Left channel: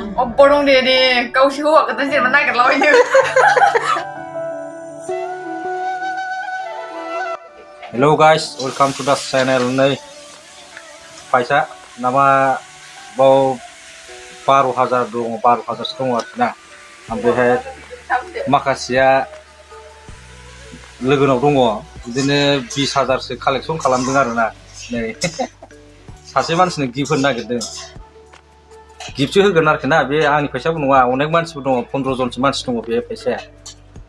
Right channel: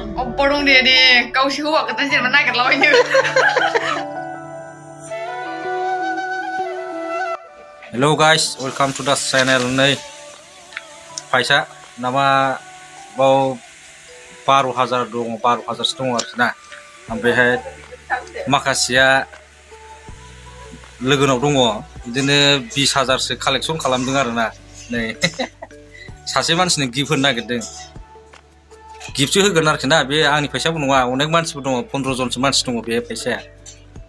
Oppo dong dia kau sih huak kata sih mana kan lawanya. Hello guys, welcome to the channel नै फैसा नामा बाव 12,000 दङ 12,000 दङ आरोखि ना ओमफ्रायहाय माखासेया लोगोनाव दङ बिदिनो 20,000सो कालेक्सन खालामदों आरोना नै सासे मानसिनो गिफ्ट होनो नागिरदों गिफ्टसो होगोन आरोखि ना बे आंनि फैसाबो नङा अनेक मानसिबो दङ 15 जनसो मानसि दङ बे फैसाया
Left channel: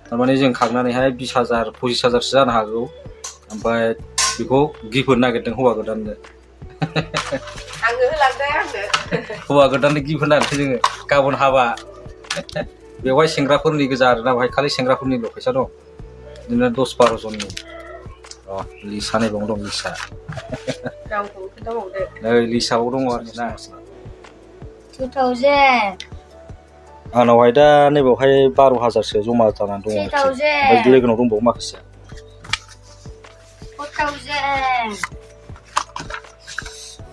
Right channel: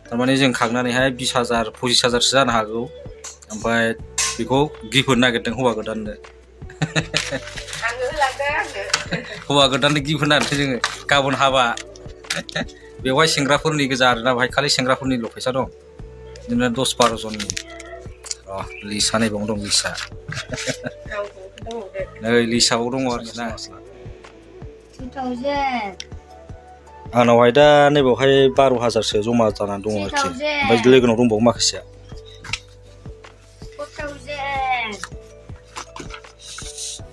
थारमाने जों खांनानैहाय 20,000 25,000सो जानो हागौ ओमफ्राय बेखौ गिफ्ट होनो नागिरदों हौवा गोदाननो हौवा गोदाननो गिफ्ट होनो नागिरदों जोङो गाबोन हाबा बेवहाय सेंग्राफोरनि गोजा आरोना बेवहाय खालि सेंग्राफोरनिल' फैसा दं बिदिनो 10-12 जननि लिसा नायबाव दं लिसा नै लिसाबाव दङ आरोखि ना 2,000 आंनावहाय दा नैबावहाय 12,000सो जमा जानानै दङ आरोखि ओमफ्राय लोगोनाव दंबावो माखासेया 4,000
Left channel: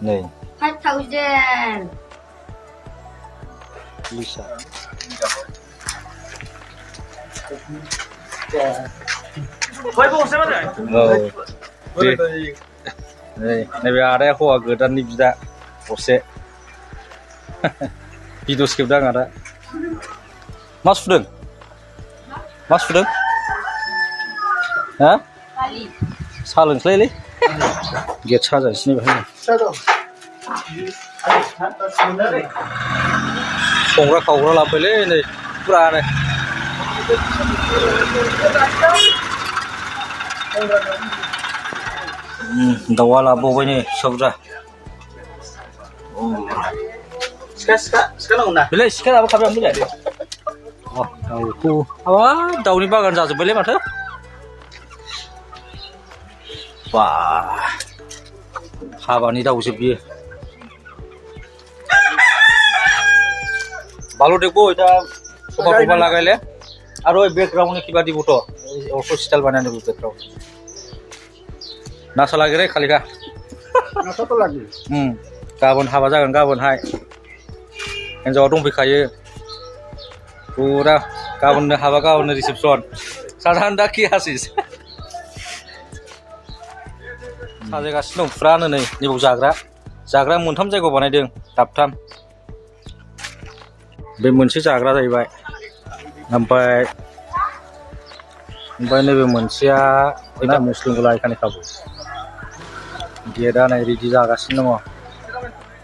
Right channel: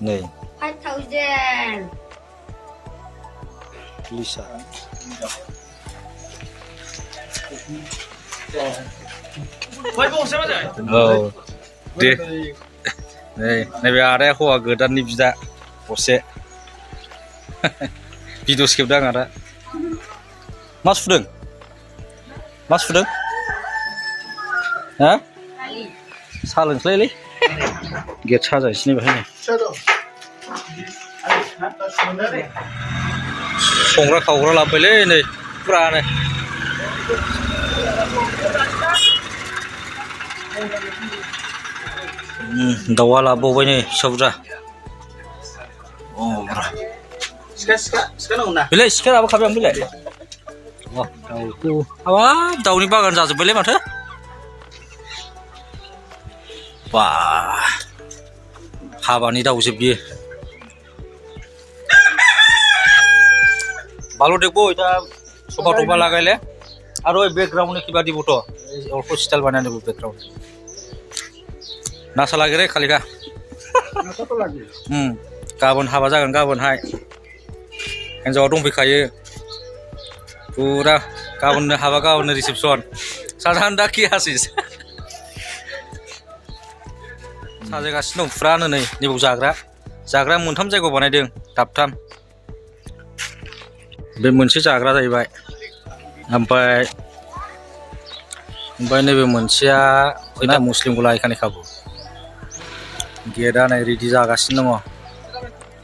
नै 5,000 लिसा औ दे नैबे आदाया हौवा गोदाननि बिदा असे भिडिअ खेबदों आदा मा सुदों हा साहा लोंसैलै गेट साजायसै बेहाय संग्रा खावग्रा लाबोबायलै नै फुरानो दाउआ लाबोबावबाय नै फिसा बुरजा सिखा नांगौ ना बेलाय सिखा लाबोखाबाय आं बेलाय हाबाब दाउनि बागान जाजोब्बायलै माथो बा हाबानि दाउजोब बियो ভালো দেখবো এটা সোফা টোফা লাগাইলে আর ওই ব্যাকগ্রাউন্ডে কিবা দিব তো অল্প স্টাইল বানাই নেব ব্যাকগ্রাউন্ড নাসা লাগে রে খালিকা नासा तो लागे गाबोन हाबा जागोन गाबोनहाय हिन्जावा दंफैखायो फुरा गाबोननो हाबा गाबोननो रिसेपसन साजानदा कि हासिस साजायगासिनो दं फुरानो नै नैबाव जाग्राया मोनथाम जायगायाव बानायदों दाबथाम बे मोनसे जाग्रा जाहैबाय ओमफ्राय नैबे मोनसेया फैना मुस्लिम गला एखाने खाबु गेटआ नै रेडि जागासिनो दङ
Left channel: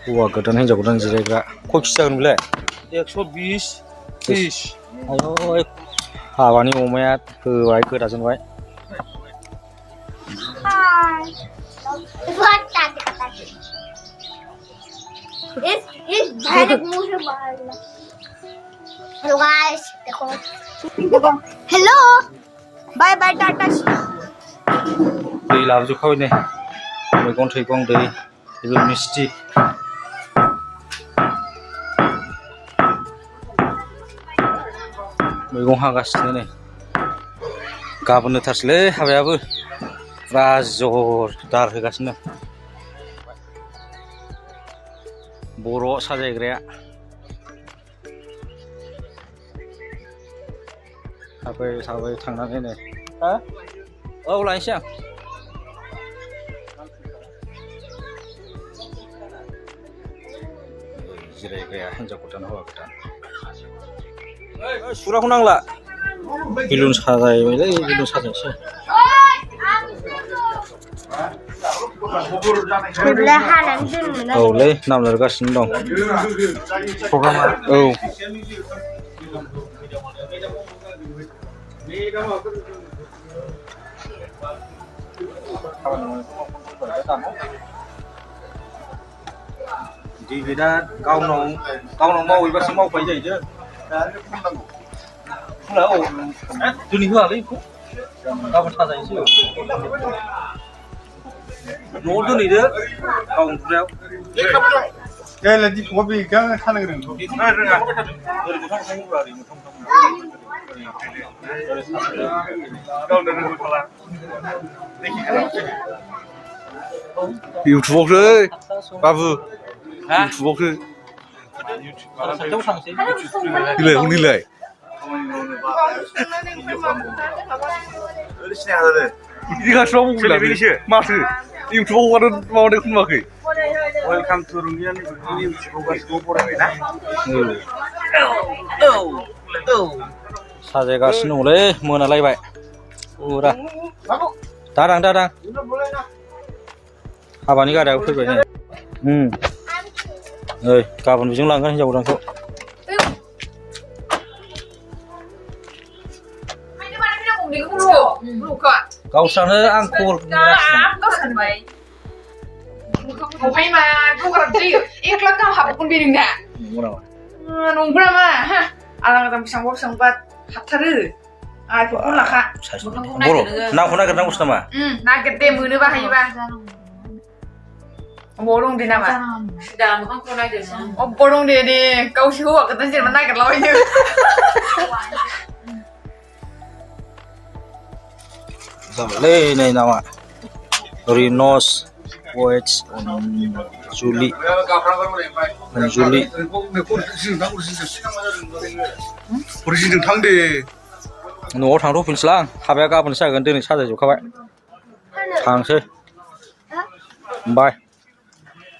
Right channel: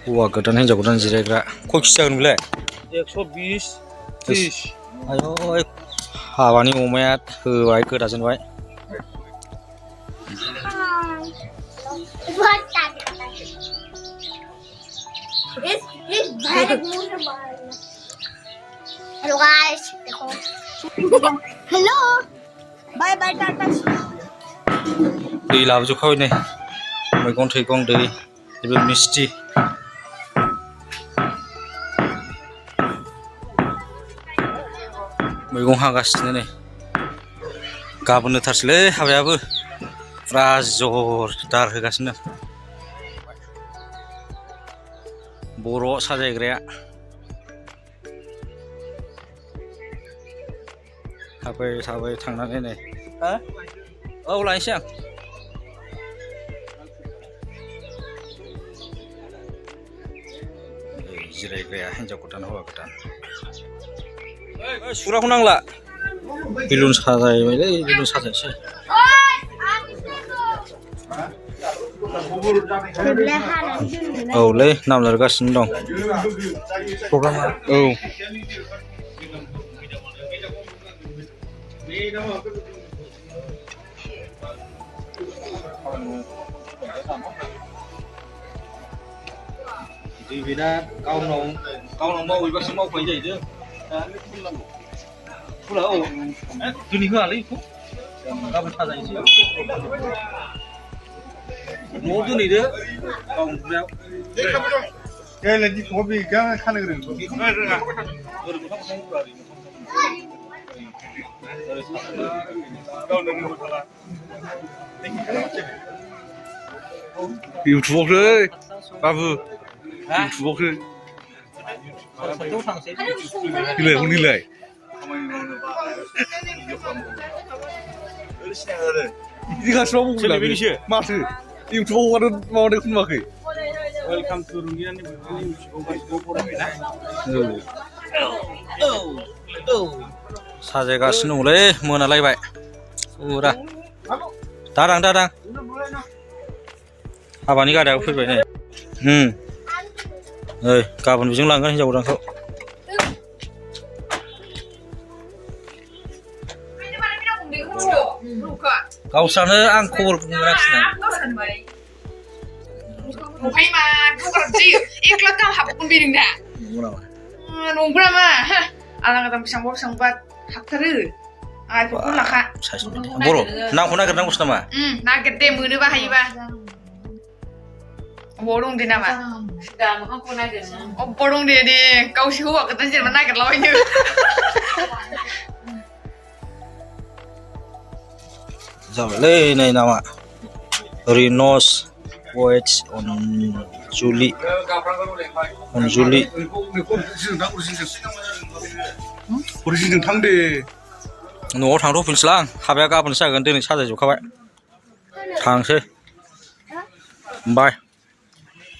हौवा गोदान हिन्जाव गोदान जिरायग्रा खय केजि जागोन बेलाय 120 30 आयौ हाबानि अमाया होबाय गोदाजोनबाय Hello guys, hello, bye bye tata. दै लाबोजोबखाबाय नै मैगं थाइगं दै बेबो मिस्टि मैगं हागासिनो नै गाबोन होथारसैलै हाबायाबो फुरा जरदार होगासिनो बर' साजायग्राया थाबाय थांनानै नै हा औ लायनोसै आं जिरायग्राया हिन्जाव गोदान हौवा गोदान सुराखौ नांला बेलुन साजायबायलै बेलुन साजायनोसै औलै नाम लिरगासिनो दं प्रग्रामा औ दैबिदा गावनाव मावैबासो मावबाय जाहैदों फुला औ दिनै होआलै बेखौ गाबोन साजायनोसै न'आव दोनहैदो गाव उन्दुनायाव यायला दिखौबा बेगा खानो गोरोंथ' रोङा ओरै मोखां इउटुबावसो बाबु इउटुबावसो सासेयाव थांसै Nilai, kung nilai. Ini kan semua mau bilang ini masih YouTube kan mau deh kun makai. Welcome to Rungian ini bukan GoPro ya. साजायगासिनो दंलै मोनालायबाय फुरा दारां दारां हाबानि गारियाबो फैबाय नै नै गाबोन बेजों लांगोन हिनजाव गोदानखौ गावस्रानो आं खबर Hãy mà không gặp gì, ít lắm cao học con đi đừng nè. Nung pula mah, ha. Alang kata pisang bat haptaru. Ai pun lah kak. बर' नामखौ नागिरनांगौसो नामा Nugget deh mune bahaya bah. Borong deh nama. Dah, makan kau naik deh. Oh borong deh. Kau sih huak kata sih mana nugget lawanya. जाबायलै नै नामा रिनस veg जुलि Urusin tang deh. न'आव थांथ'फिनसैलां हाबाया गाबोनसो जागोन दिनै साजायजोबखाबाय थांसै बाय